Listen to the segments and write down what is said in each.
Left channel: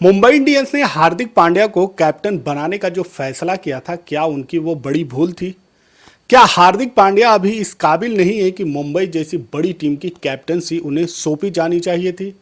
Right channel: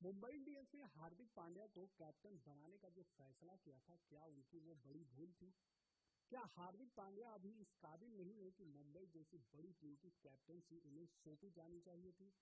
Mumbai Indians ने हार्दिक पांड्या को captain बनाने का जो फैसला किया था, क्या उनकी वो बड़ी भूल थी? क्या हार्दिक पांड्या अभी इस काबिल नहीं है कि मुंबई जैसी बड़ी टीम की कैप्टनसी उन्हें सौंपी जानी चाहिए थी?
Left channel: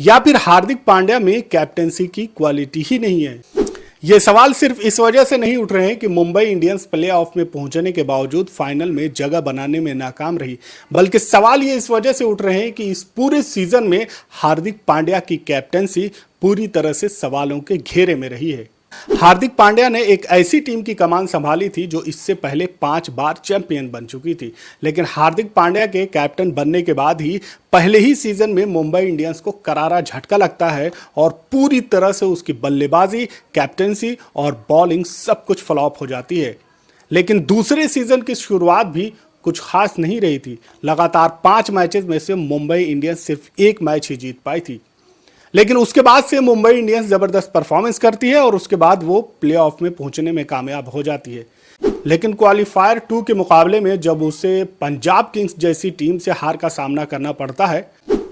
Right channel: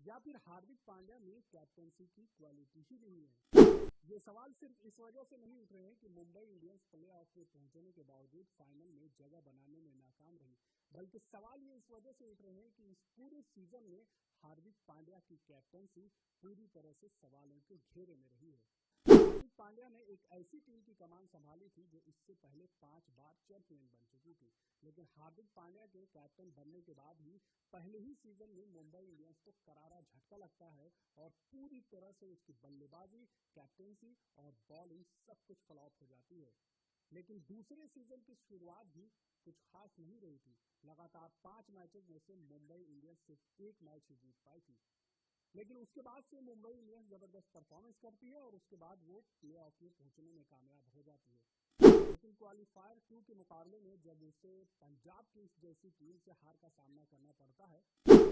या फिर हार्दिक पांड्या में कैप्टनसी की क्वालिटी ही नहीं है? ये सवाल सिर्फ इस वजह से नहीं उठ रहे हैं कि मुंबई इंडियंस प्लेऑफ में पहुंचने के बावजूद फाइनल में जगह बनाने में नाकाम रही, बल्कि सवाल ये इस वजह से उठ रहे हैं कि इस पूरे सीजन में हार्दिक पांड्या की कैप्टनसी पूरी तरह से सवालों के घेरे में रही है। हार्दिक पांड्या ने एक ऐसी टीम की कमान संभाली थी जो इससे पहले 5 बार चैंपियन बन चुकी थी, लेकिन हार्दिक पांड्या के कैप्टन बनने के बाद ही पहले ही सीजन में मुंबई इंडियंस को करारा झटका लगता है और पूरी तरह से उसकी बल्लेबाजी, कैप्टनसी और बॉलिंग सब कुछ फ्लॉप हो जाती है। लेकिन दूसरे सीजन की शुरुआत भी कुछ खास नहीं रही थी। लगातार 5 मैचेस में से मुंबई इंडियंस सिर्फ 1 मैच ही जीत पाई थी, लेकिन उसके बाद से मुंबई इंडियंस जबरदस्त परफॉर्मेंस करती है और उसके बाद वो प्लेऑफ में पहुंचने में कामयाब हो जाती है। लेकिन क्वालिफायर 2 के मुकाबले में जब उसे पंजाब किंग्स जैसी टीम से हार का सामना करना पड़ता है,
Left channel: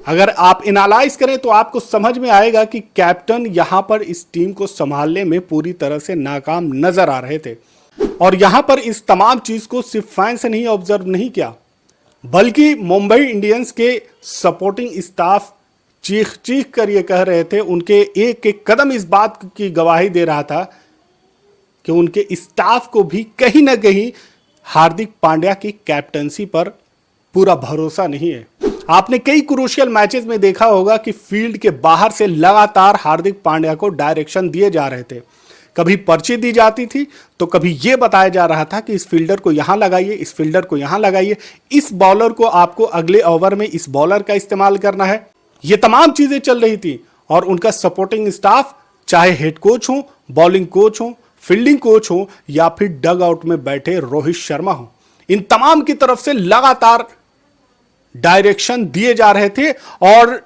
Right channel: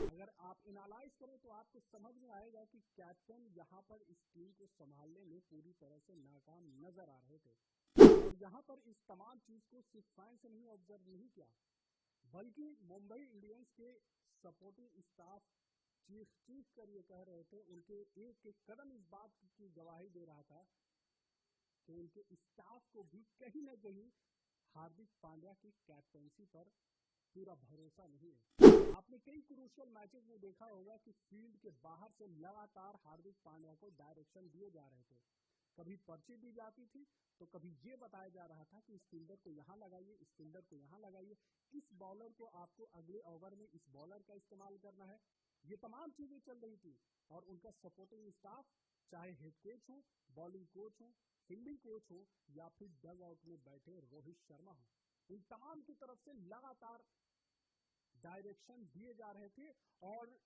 अगर आप एनालाइज करें तो आपको समझ में आएगा कि कैप्टन यहां पर इस टीम को संभालने में पूरी तरह से नाकाम नजर आ रहे थे। और यहां पर इस तमाम चीज को सिर्फ फैंस ने ही ऑब्जर्व नहीं किया, बल्कि मुंबई इंडियंस के सपोर्टिंग स्टाफ चीख चीख कर ये कह रहे थे। उनके एक एक कदम इस बात की गवाही दे रहा था कि उनके स्टाफ को भी कहीं ना कहीं हार्दिक पांड्या की कैप्टनसी पर पूरा भरोसा नहीं है। आपने कई क्रूशियल मैचेस में देखा होगा कि फील्ड के बाहर से लगातार हार्दिक पांड्या को डायरेक्शन दिए जा रहे थे। कभी पर्ची दी जाती थी तो कभी यह बताया जा रहा था कि इस फील्डर को यहां लगाइए, इस फील्डर को यहां लगाइए, इस बॉलर को आपको अगले ओवर में इस बॉलर का इस्तेमाल करना है। ये तमाम चीजें चल रही थी और उनका सपोर्टिंग स्टाफ, चाहे हेड कोच हो, बॉलिंग कोच हो, फील्डिंग कोच हो या फिर डग आउट में बैठे रोहित शर्मा हो, इन तमाम की तरफ से लगातार डायरेक्शन दिए जा रहे थे। और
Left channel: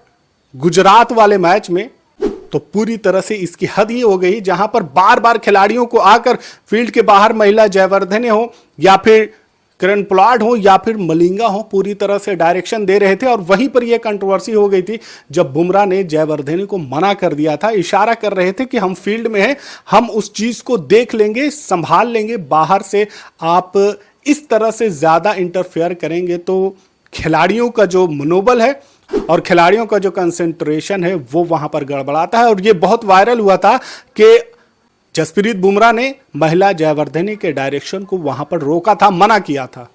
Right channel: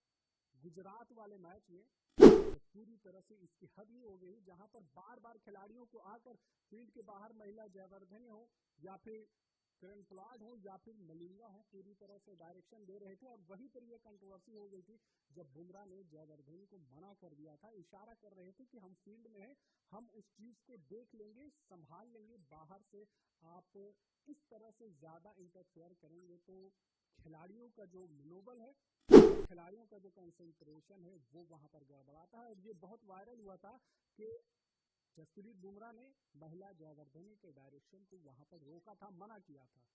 गुजरात वाले मैच में तो पूरी तरह से इसकी हद ही हो गई, जहां पर बार बार खिलाड़ियों को आकर फील्ड के बाहर महिला जयवर्धने हो या फिर किरण पोलार्ड हो या फिर मलिंगा हो, पूरी तरह से डायरेक्शन दे रहे थे। और वहीं पर यह कंट्रोवर्सी हो गई थी जब बुमराह ने जयवर्धने को मना कर दिया था, इशारा कर रहे थे कि हम फील्ड में हैं, हम उस चीज को देख लेंगे, संभाल लेंगे, बाहर से आप इस तरह से ज्यादा इंटरफेयर करेंगे तो खिलाड़ियों का जो मनोबल है और खिलाड़ियों का जो कंसेंट्रेशन है वो वहां पर गड़बड़ाता है। और ये बहुत वायरल हुआ था कि जसप्रीत बुमराह ने महिला जयवर्धने के डायरेक्शन को वहां पर रोका था, मना किया था।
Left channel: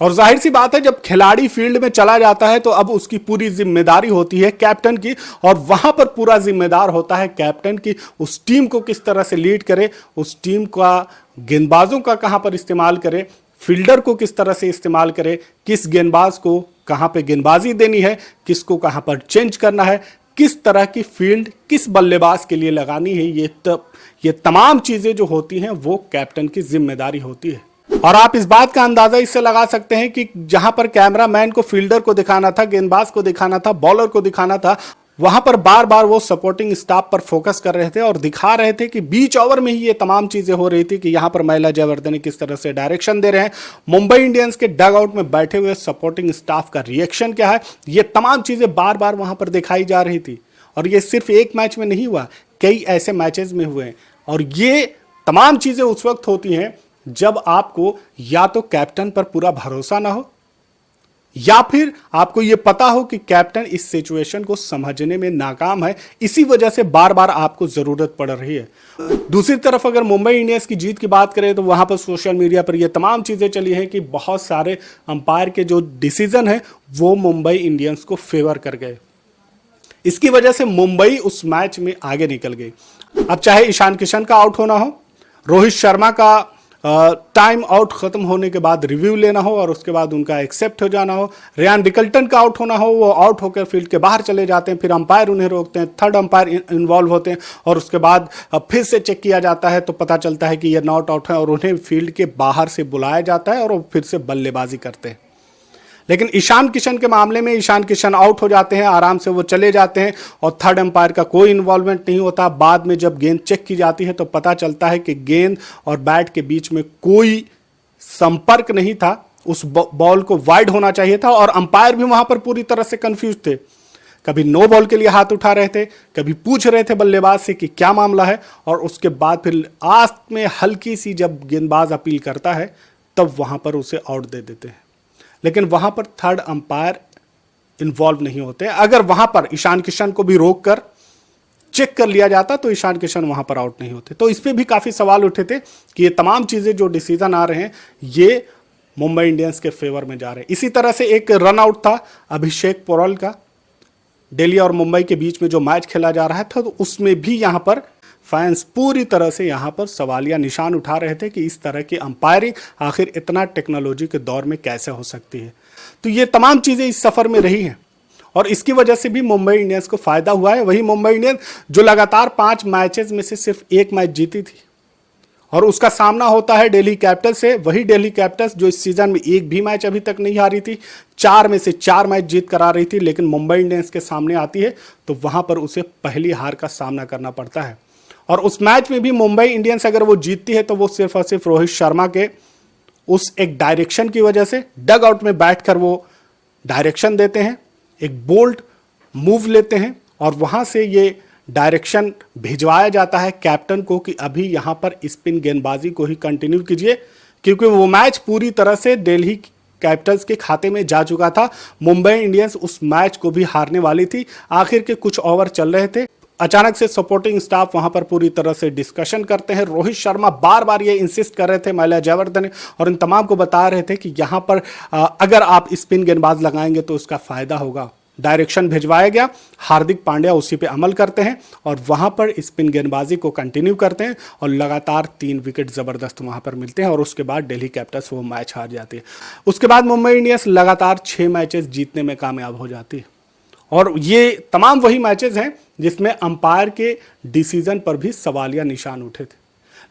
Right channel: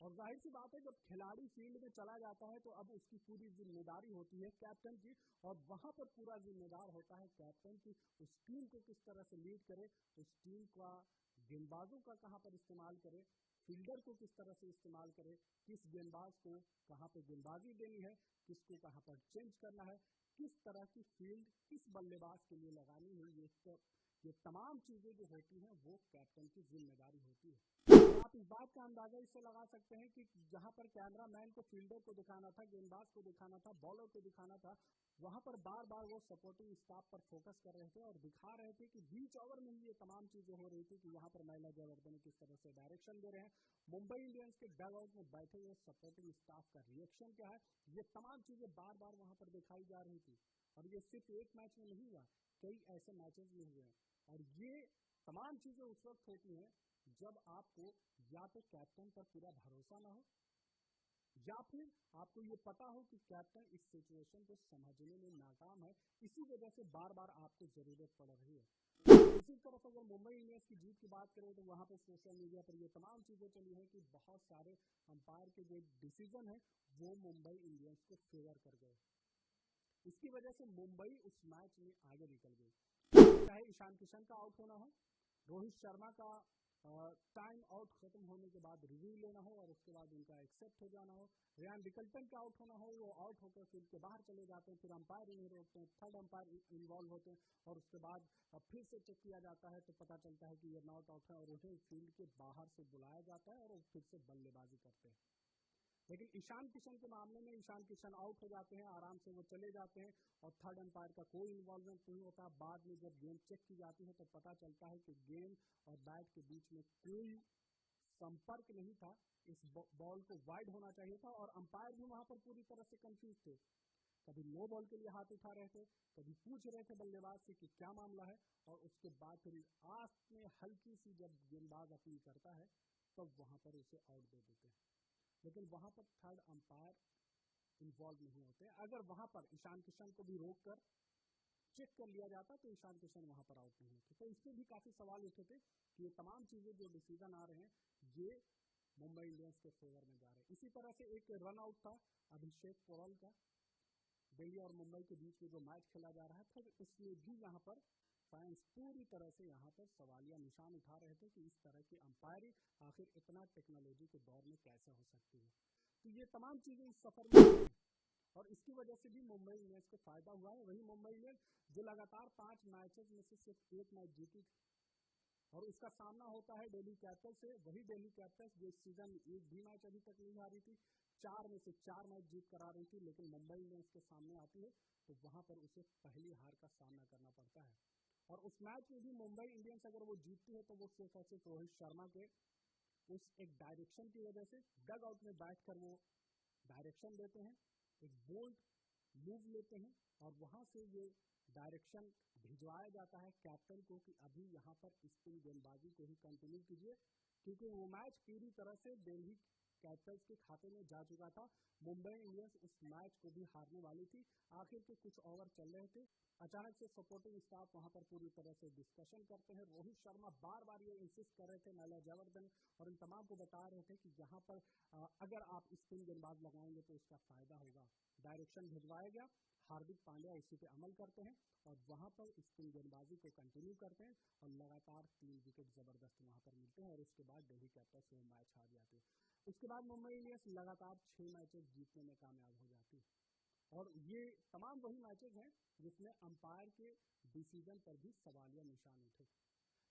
और जाहिर सी बात है, जब खिलाड़ी फील्ड में चला जाता है तो अब उसकी पूरी जिम्मेदारी होती है कैप्टन की, और वहां पर पूरा जिम्मेदार होता है कैप्टन की उस टीम को किस तरह से लीड करे, उस टीम का गेंदबाजों का कहां पर इस्तेमाल करे, फील्डर को किस तरह से इस्तेमाल करे, किस गेंदबाज को कहां पर गेंदबाजी देनी है, किसको कहां पर चेंज करना है, किस तरह की फील्ड किस बल्लेबाज के लिए लगानी है। ये तमाम चीजें जो होती हैं वो कैप्टन की जिम्मेदारी होती है। और आप इस बात का अंदाजा इससे लगा सकते हैं कि जहां पर कैमरामैन को फील्डर को दिखाना था, गेंदबाज को दिखाना था, बॉलर को दिखाना था, वहां पर बार बार वो सपोर्टिंग स्टाफ पर फोकस कर रहे थे और दिखा रहे थे कि बीच ओवर में ही ये तमाम चीजें हो रही थी कि यहां पर महिला जयवर्धने किस तरह से डायरेक्शन दे रहे हैं, मुंबई इंडियंस के डग आउट में बैठे हुए सपोर्टिंग स्टाफ का रिएक्शन क्या है, ये तमाम चीजें बार बार वहां पर दिखाई जा रही थी। और ये सिर्फ एक मैच में नहीं हुआ, कई ऐसे मैचेस में हुए। और ये तमाम चीजें उस वक्त होती हैं जब आपको या तो कैप्टन पर पूरा भरोसा ना हो या फिर आपको यह पता हो कि कैप्टन इस सिचुएशन को समझने में नाकाम है, इसी वजह से बार बार आपको जरूरत पड़ रही है। दूसरी तरफ अगर मुंबई इंडियंस की जीत की बात करें तो वहां पर सोशल मीडिया पर यह तमाम चीजें चली हैं कि बहुत सारे अंपायर के जो डिसीजन है वो मुंबई इंडियंस को फेवर कर गए। इसकी वजह से मुंबई उस मैच में आगे निकल गई। अब चाहे ईशान किशन का आउट होना हो, रोहित शर्मा का टाइम आउट खत्म होने के बाद रिव्यू लेना हो और उसके बाद उनका एक्सेप्ट हो जाना हो, रेयान रिकल्टन का आउट होना हो, वो आउट होकर फील्ड के बाहर चले जाते हैं, फिर अंपायर उन्हें रोकते हैं, थर्ड अंपायर इन्वॉल्व होते हैं और उसके बाद फिर से चेक किया जाता है तो पता चलता है कि ये नॉट आउट है और उन्हें फील्ड के बाहर से बुलाया जाता है और वो फिर से बल्लेबाजी करते हैं। लेकिन ईशान किशन के मामले में ईशान किशन आउट हो जाते हैं, आराम से वो चले जाते हैं और थर्ड अंपायर का कोई इन्वॉल्वमेंट नहीं होता। बाद में जब गेंद चेक की जाती है तो पता चलता है कि गेंद और बैट के बीच में कोई संपर्क नहीं था, उस बॉल को वाइड होना चाहिए था और अंपायर भी वहां पर पूरी तरह से कंफ्यूज थे। कभी नो बॉल के लिए हाथ उठा रहे थे, कभी पूछ रहे थे बल्लेबाज से कि क्या मामला है, और उसके बाद फिर आखिर में हल्की सी जब गेंदबाज अपील करता है तब वहां पर उसे आउट दे देते हैं। लेकिन वहां पर थर्ड अंपायर इन्वॉल्व नहीं होते। अगर वहां पर ईशान किशन को भी रोक कर चेक कर लिया जाता तो ईशान किशन वहां पर आउट नहीं होते। तो इस पे भी काफी सवाल उठे थे कि ये तमाम चीजें जो डिसीजन आ रहे हैं ये मुंबई इंडियंस के फेवर में जा रहे हैं। इसी तरह से एक रन आउट था अभिषेक पोरल का, दिल्ली और मुंबई के बीच में जो मैच खेला जा रहा था, तो उसमें भी यहां पर फैंस पूरी तरह से यहां पर सवालिया निशान उठा रहे थे कि इस तरह की अंपायरिंग आखिर इतना टेक्नोलॉजी के दौर में कैसे हो सकती है। तो ये तमाम चीजें इस सफर में रही हैं और इसकी वजह से भी मुंबई इंडियंस को फायदा हुआ है। वही मुंबई इंडियंस जो लगातार 5 मैचेस में से सिर्फ 1 मैच जीती थी और उसका सामना होता है दिल्ली कैपिटल्स से। वही दिल्ली कैपिटल्स जो इस सीजन में एक भी मैच अभी तक नहीं हारी थी, 4 में से 4 मैच जीत कर आ रही थी, लेकिन मुंबई इंडियंस के सामने आती है तो वहां पर उसे पहली हार का सामना करना पड़ता है। और उस मैच में भी मुंबई इंडियंस अगर वो जीतती है तो वो सिर्फ और सिर्फ रोहित शर्मा के उस एक डायरेक्शन की वजह से, डग आउट में बैठकर वो डायरेक्शन देते हैं, एक बोल्ड मूव लेते हैं और वहां से ये डायरेक्शन भिजवाया जाता है कैप्टन को कि अभी यहां पर स्पिन गेंदबाजी को ही कंटिन्यू कीजिए, क्योंकि वो मैच पूरी तरह से दिल्ली कैपिटल्स के खाते में जा चुका था। मुंबई इंडियंस उस मैच को भी हारने वाली थी। आखिर के कुछ ओवर चल रहे थे, अचानक से सपोर्टिंग स्टाफ वहां पर पूरी तरह से डिस्कशन करते हैं। रोहित शर्मा बार बार ये इंसिस्ट कर रहे थे, माल्या जयवर्धने और इन तमाम को बता रहे थे कि यहां पर अगर आप स्पिन गेंदबाज लगाएंगे तो उसका फायदा होगा। डायरेक्शन भिजवाया गया, हार्दिक पांड्या उसी पे अमल करते हैं और वहां पर स्पिन गेंदबाजी को कंटिन्यू करते हैं और लगातार 3 विकेट जबरदस्त वहां पर मिलते हैं और उसके बाद दिल्ली कैपिटल्स वो मैच हार जाती है। उसके बाद मुंबई इंडियंस लगातार 6 मैचेस जीतने में कामयाब हो जाती है और ये तमाम वही मैचेस हैं जिसमें अंपायर के डिसीजन पर भी सवालिया निशान उठे थे।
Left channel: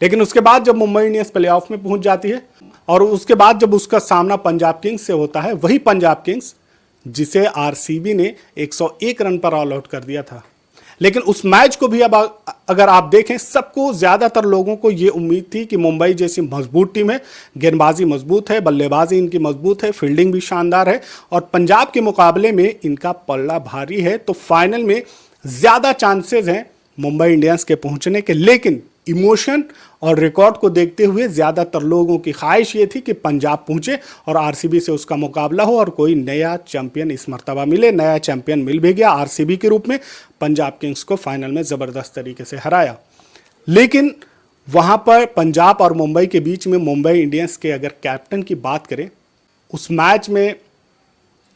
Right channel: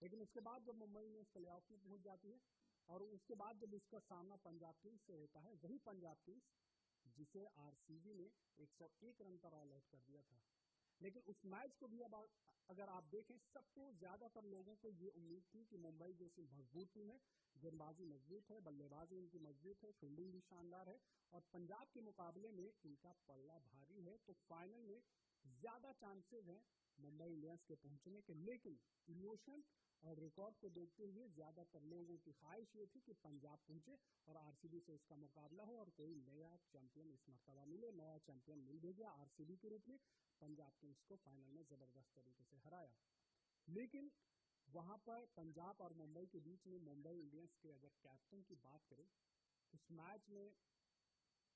लेकिन उसके बाद जब मुंबई इंडियंस प्लेऑफ में पहुंच जाती है और उसके बाद जब उसका सामना पंजाब किंग्स से होता है, वही पंजाब किंग्स जिसे आरसीबी ने 101 रन पर ऑल आउट कर दिया था। लेकिन उस मैच को भी अब अगर आप देखें, सबको ज्यादातर लोगों को यह उम्मीद थी कि मुंबई जैसी मजबूत टीम है, गेंदबाजी मजबूत है, बल्लेबाजी इनकी मजबूत है, फील्डिंग भी शानदार है और पंजाब के मुकाबले में इनका पल्ला भारी है, तो फाइनल में ज्यादा चांसेस हैं मुंबई इंडियंस के पहुंचने के। लेकिन इमोशन और रिकॉर्ड को देखते हुए ज्यादातर लोगों की ख्वाहिश ये थी कि पंजाब पहुंचे और आरसीबी से उसका मुकाबला हो और कोई नया चैंपियन इस मर्तबा मिले। नया चैंपियन मिल भी गया आरसीबी के रूप में, पंजाब किंग्स को फाइनल में जबरदस्त तरीके से हराया। लेकिन वहां पर पंजाब और मुंबई के बीच में मुंबई इंडियंस के अगर कैप्टन की बात करें, उस मैच में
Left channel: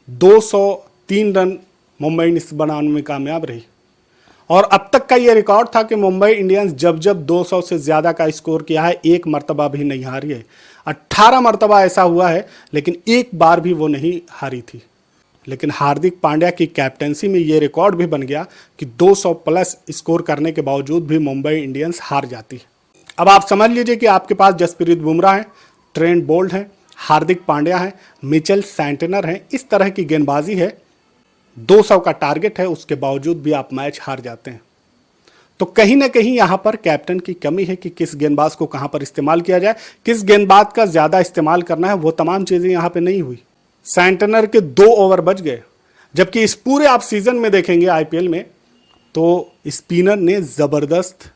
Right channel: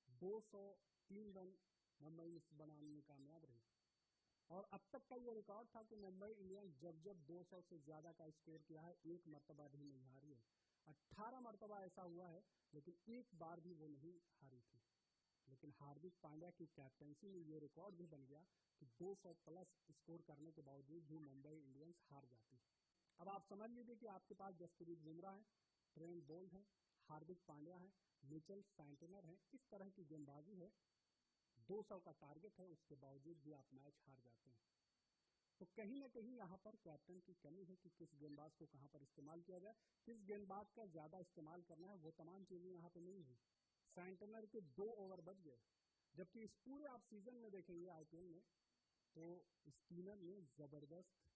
203 रन मुंबई इंडियंस बनाने में कामयाब रही और अब तक का यह रिकॉर्ड था कि मुंबई इंडियंस जब जब 200 से ज्यादा का स्कोर किया है, एक मर्तबा भी नहीं हारी है। 18 मर्तबा ऐसा हुआ है लेकिन एक बार भी वो नहीं हारी थी। लेकिन हार्दिक पांड्या की कैप्टेंसी में यह रिकॉर्ड भी बन गया कि 200 प्लस स्कोर करने के बावजूद भी मुंबई इंडियंस हार जाती है। अब आप समझ लीजिए कि आपके पास जसप्रीत बुमराह है, ट्रेंट बोल्ट है, हार्दिक पांड्या है, मिचेल सैंटनर है, इस तरह की गेंदबाजी है, 200 का टारगेट है, उसके बावजूद भी आप मैच हार जाते हैं। तो कहीं ना कहीं यहां पर कैप्टन की कमी है कि किस गेंदबाज को कहां पर इस्तेमाल किया जाए, किस गेंदबाज का ज्यादा इस्तेमाल करना है, वो तमाम चीजें यहां पे नहीं हुई। सैंटनर के 2 ओवर बच गए, जबकि इस पूरे आप सीजन में देखेंगे आईपीएल में तो स्पिनर ने जबरदस्त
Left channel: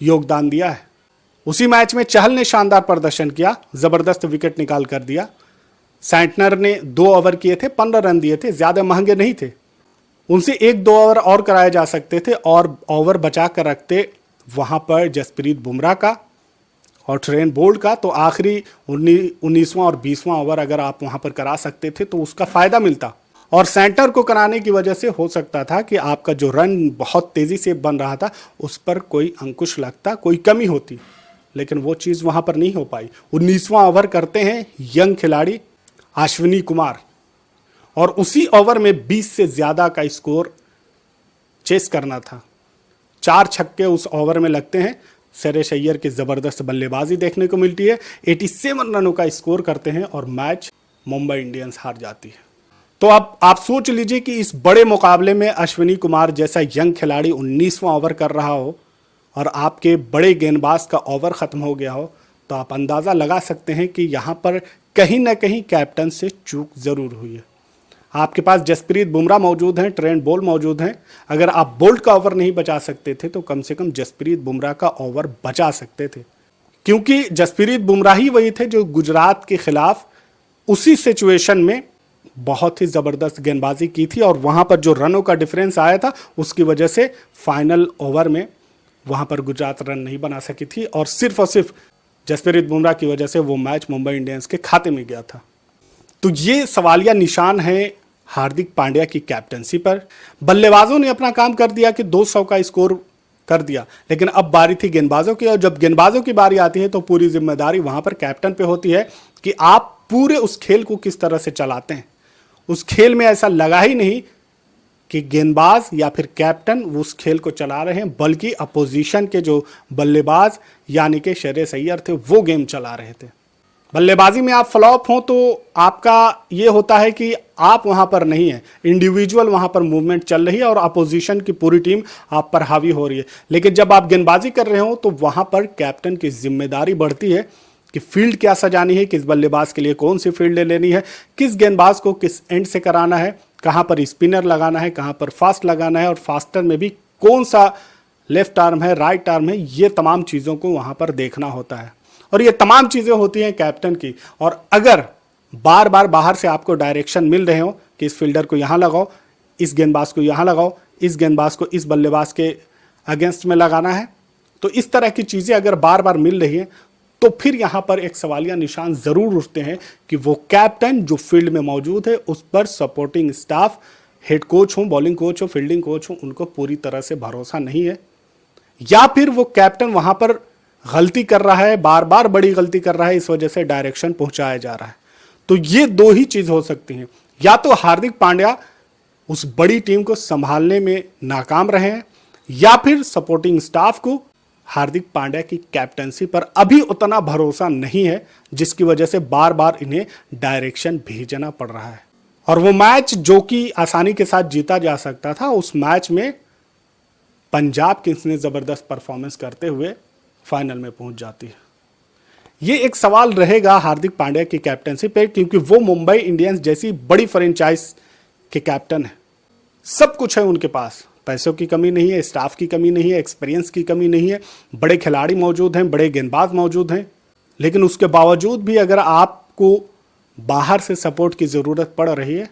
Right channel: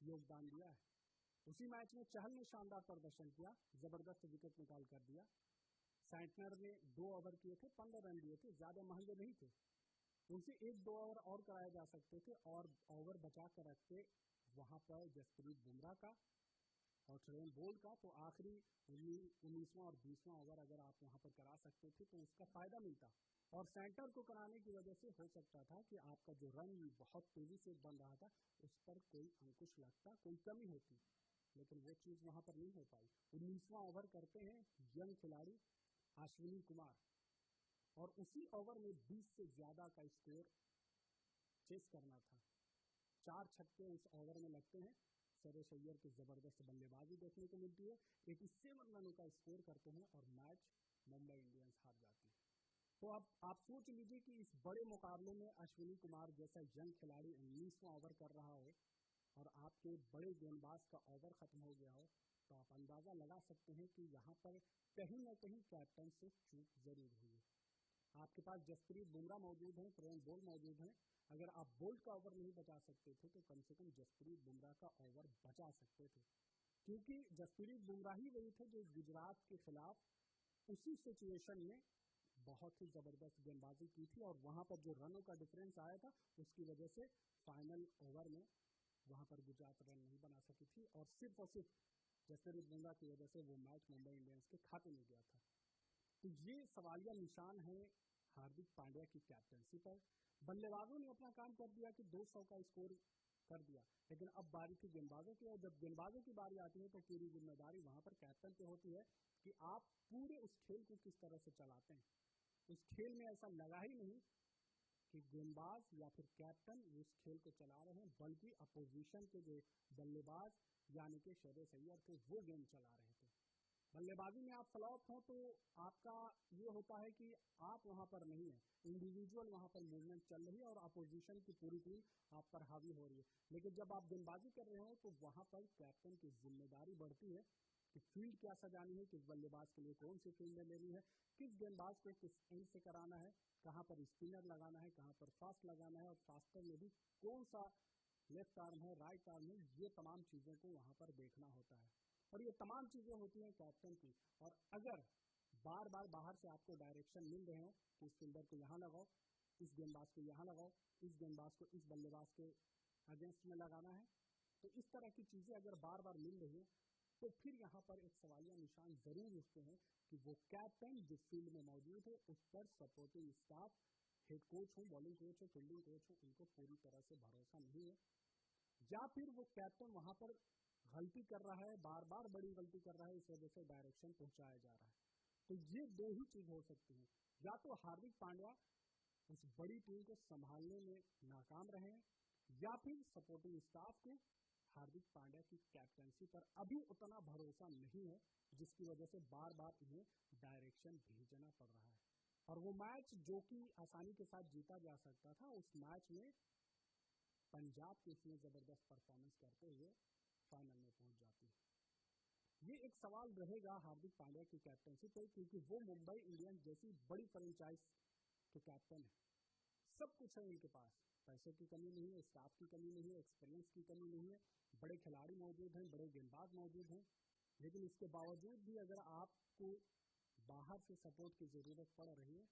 योगदान दिया है। उसी मैच में चहल ने शानदार प्रदर्शन किया, जबरदस्त विकेट निकाल कर दिया। सैंटनर ने 2 ओवर किए थे, 15 रन दिए थे, ज्यादा महंगे नहीं थे, उनसे 1-2 ओवर और कराए जा सकते थे और ओवर बचा कर रखते वहां पर जसप्रीत बुमराह का और ट्रेंट बोल्ट का, तो आखिरी 19वां और 20वां ओवर अगर आप वहां पर करा सकते थे तो उसका फायदा मिलता। और सेंटर को कराने की वजह से हो सकता था कि आपका जो रन बहुत तेजी से बन रहा था उस पर कोई अंकुश लगता, कोई कमी होती, लेकिन वो चीज वहां पर नहीं हो पाई। 19वां ओवर करते हैं यंग खिलाड़ी अश्विनी कुमार और उसी ओवर में 20 से ज्यादा का स्कोर चेस करना था। 4 छक्के उस ओवर में लगते हैं, श्रेयस अय्यर की जबरदस्त बल्लेबाजी देखने को मिलती है, 87 रनों का स्कोर करते हैं और मैच मुंबई इंडियंस हार जाती है। तो अब आप सोच लीजिए कि इस बड़े मुकाबले में अश्विनी कुमार जैसा यंग खिलाड़ी 19वां ओवर कर रहा हो और आपके बड़े गेंदबाज का ओवर खत्म हो गया हो, तो आप अंदाजा लगा सकते हैं कि यहां पर कहीं ना कहीं कैप्टन से चूक जरूर हुई है। आपके पास जसप्रीत बुमराह मौजूद हैं, ट्रेंट बोल्ट मौजूद हैं। अगर आप बोल्ट का ओवर नहीं बचा सकते थे तो कम से कम जसप्रीत बुमराह का ओवर बचा सकते थे, क्योंकि जसप्रीत बुमराह ही वही थे जो गुजरात के खिलाफ उसी सिचुएशन में बहुत ही जबरदस्त गेंदबाजी की थी और वहां पर जो रनों का डिफरेंस आया था उसकी वजह से फाइनल ओवर में वहां पर गुजरात रन नहीं बना सकी थी और सिर्फ जसप्रीत बुमराह की वजह से वो मैच मुंबई इंडियंस के खाते में गया था। तो ये सवालिया निशान है हार्दिक पांड्या की कैप्टनसी पर। बल्लेबाजों ने अपना काम कर दिया कि 200 का स्कोर कर दिया, लेकिन अब बारी थी गेंदबाजों की, और जब गेंदबाजों की बारी आती है तो पूरी जिम्मेदारी वहां पर कैप्टन पे होती है कि आप पूरे उस खेल को किस तरह से चलाते हैं। उस खेल में ऐसा लगा ही नहीं कि गेंदबाज या फिर कैप्टन उस खेल को चला रहे हैं, बल्कि अपोजिशन के जो बल्लेबाज यानी कि श्रेयस अय्यर थे वो गेम चला रहे थे। बल्लेबाजी में आप फ्लॉप हो तो आपका ये होता है कि आप वहां पर नहीं है, इंडिविजुअल वहां पर मूवमेंट चल रही है और अपोजिशन की पूरी टीम आप पर हावी हो रही है। लेकिन जब आप गेंदबाजी कर रहे हो तो वहां पर कैप्टन की जिम्मेदारी बढ़ती है कि फील्ड क्या सजानी है, किस बल्लेबाज के लिए कौन सी फील्ड लेनी है, किस गेंदबाज को किस एंड से कराना है, कहां पर स्पिनर लगाना है, कहां पर फास्ट लगाना है, और फास्टर में भी कौन सा लेफ्ट आर्म है, राइट आर्म है, ये तमाम चीज़ों को वहां पर देखना होता है। और ये तमाम चीज़ें होती हैं कैप्टन की। और अगर बार बार बाहर से आपको डायरेक्शन मिल रहे हो कि इस फील्डर को यहाँ लगाओ, इस गेंदबाज को यहाँ लगाओ, इस गेंदबाज को इस बल्लेबाज के अगेंस्ट में लगाना है, तो इस तरह की चीज़ें अगर बार बार मिल रही हैं तो फिर यहाँ पर एक सवालिया निशान ज़रूर उठते हैं कि वो कैप्टन जो फील्ड में मौजूद है उस पर सपोर्टिंग स्टाफ, हेड कोच हो, बॉलिंग कोच हो, फील्डिंग कोच हो, उनको पूरी तरह से भरोसा नहीं है, या फिर वो कैप्टन वहाँ पर गलती कर रहा है, बार बार बड़ी गलती कर रहा है, इस वजह से डायरेक्शन पहुंचाया जा रहा है। तो ये दो ही चीज़ हो सकती हैं, या तो हार्दिक पांड्या उस बड़ी टीम को संभालने में नाकाम रहे हैं, या फिर सपोर्टिंग स्टाफ को हार्दिक पांड्या की कैप्टनसी पर अभी उतना भरोसा नहीं है, जिसकी वजह से बार बार इन्हें डायरेक्शन भेजना पड़ रहा है। और वो मैच जो कि आसानी के साथ जीता जा सकता था, उस मैच में पंजाब किंग्स ने जबरदस्त परफॉर्मेंस करते हुए फाइनल में पहुंच जाती है। ये एक सवाल रहेगा हार्दिक पांड्या की कैप्टनसी पे, क्योंकि वो मुंबई इंडियंस जैसी बड़ी फ्रेंचाइज के कैप्टन है। सब कुछ है उनके पास, पैसों की कमी नहीं है, स्टाफ की कमी नहीं है, एक्सपीरियंस की कमी नहीं है, बड़े खिलाड़ी मौजूद हैं, बड़े गेंदबाज मौजूद हैं। लेकिन उसके बावजूद भी अगर आपको बाहर से सपोर्ट की ज़रूरत पड़ रही है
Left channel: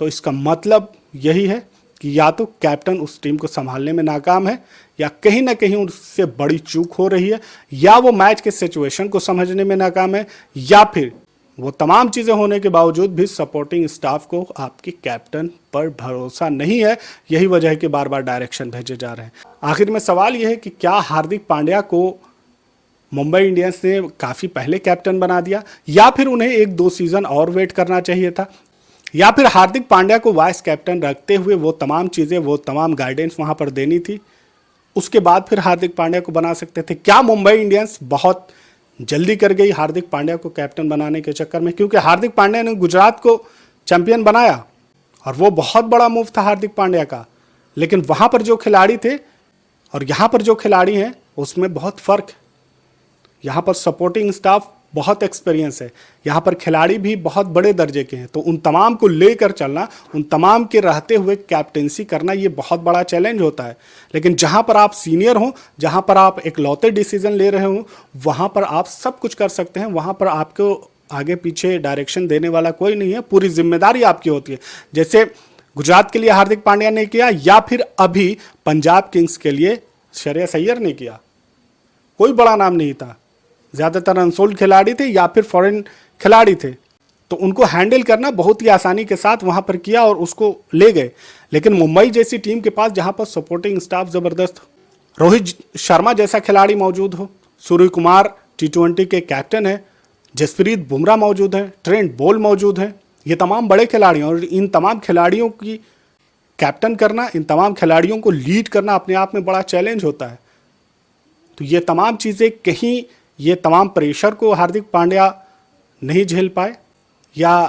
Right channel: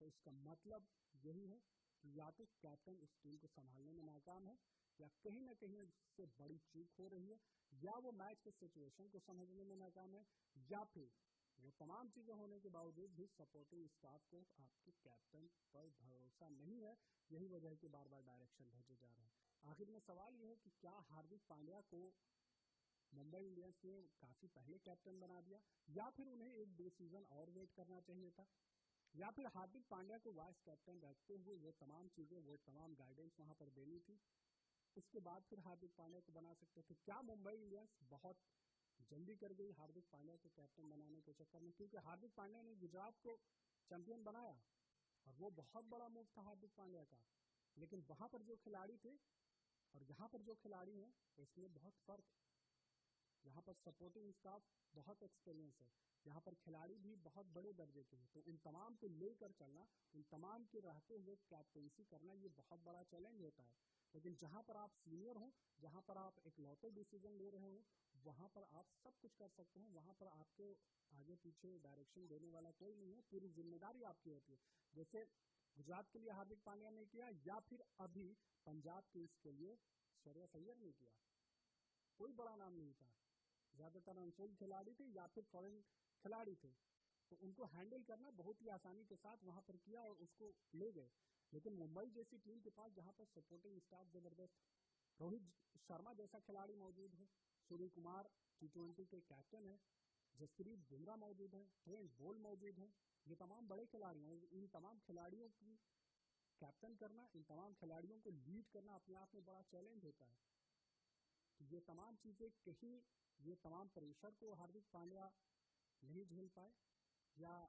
तो इसका मतलब यही है कि या तो कैप्टन उस टीम को संभालने में नाकाम है, या कहीं ना कहीं उससे बड़ी चूक हो रही है, या वो मैच के सिचुएशन को समझने में नाकाम है, या फिर वो तमाम चीज़ें होने के बावजूद भी सपोर्टिंग स्टाफ को आपकी कैप्टन पर भरोसा नहीं है। यही वजह है कि बार बार डायरेक्शन भेजे जा रहे हैं। आखिर में सवाल यह है कि क्या हार्दिक पांड्या को मुंबई इंडियंस ने काफ़ी पहले कैप्टन बना दिया, या फिर उन्हें 1-2 सीज़न और वेट करना चाहिए था, या फिर हार्दिक पांड्या को वाइस कैप्टन रखते हुए वो तमाम चीज़ें, वो तमाम गाइडेंस वहाँ पर देनी थी, उसके बाद फिर हार्दिक पांड्या को बना सकते थे। क्या मुंबई इंडियंस बहुत जल्दी कर गई हार्दिक पांड्या को कैप्टन बनाने के चक्कर में? क्योंकि हार्दिक पांड्या ने गुजरात को चैंपियन बनाया और वो बहुत बड़ा मूव था हार्दिक पांड्या का, लेकिन वहाँ पर जो खिलाड़ी थे और यहाँ पर जो खिलाड़ी हैं उसमें बहुत फ़र्क है। यहाँ पर सपोर्टिंग स्टाफ बहुत एक्सपीरियंस है, यहाँ पर खिलाड़ी भी बहुत बड़े दर्जे के हैं, तो उन तमाम को लेकर चलना, उन तमाम के रहते हुए कैप्टेंसी करना, ये बहुत बड़ा चैलेंज होता है। लेकिन जहाँ पर आप सीनियर हो, जहाँ पर आप एक लौते डिसीजन ले रहे हो, वहाँ पर आप सब कुछ कर सकते हैं, वहाँ पर आपको आगे पीछे डायरेक्शन देने वाला कोई नहीं है, पूरी जिम्मेदारी आपकी होती है। जैसे गुजरात के लिए हार्दिक पांड्या ने किया, या फिर अभी पंजाब किंग्स के लिए श्रेयस अय्यर ने किया। कोई बड़ा नाम नहीं था, ज़्यादातर अनसोल्ड खिलाड़ी थे या फिर फॉरेन खिलाड़ी थे, तो उनको हैंडल करना बहुत ही आसानी के साथ वहाँ पर किया और उसको ले गए। लेकिन मुंबई जैसी टीम के पास जहाँ पर सपोर्टिंग स्टाफ ज़बरदस्त, रोहित शर्मा जैसा खिलाड़ी मौजूद हो, सूर्य कुमार T20 के कैप्टन है, जसप्रीत बुमराह मौजूद है, ट्रेंट बोल्ट मौजूद है, ये तमाम बड़े खिलाड़ी हैं, और इन तमाम खिलाड़ियों की कैप्टन करना, इन तमाम खिलाड़ियों को लीड करना अपने आप में बड़ा चैलेंज होता है। तो ये तमाम चीज़ें, कहीं ये तमाम प्रेशर को हार्दिक पांड्या नहीं झेल पाए, या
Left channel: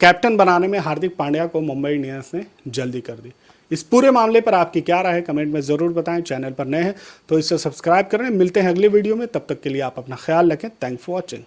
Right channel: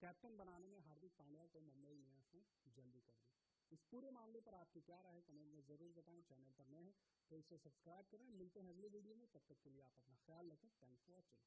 कैप्टन बनाने में हार्दिक पांड्या को मुंबई इंडियंस ने जल्दी कर दी। इस पूरे मामले पर आपकी क्या राय है कमेंट में ज़रूर बताएं। चैनल पर नए हैं तो इसे सब्सक्राइब करें। मिलते हैं अगले वीडियो में, तब तक के लिए आप अपना ख्याल रखें। Thanks for watching.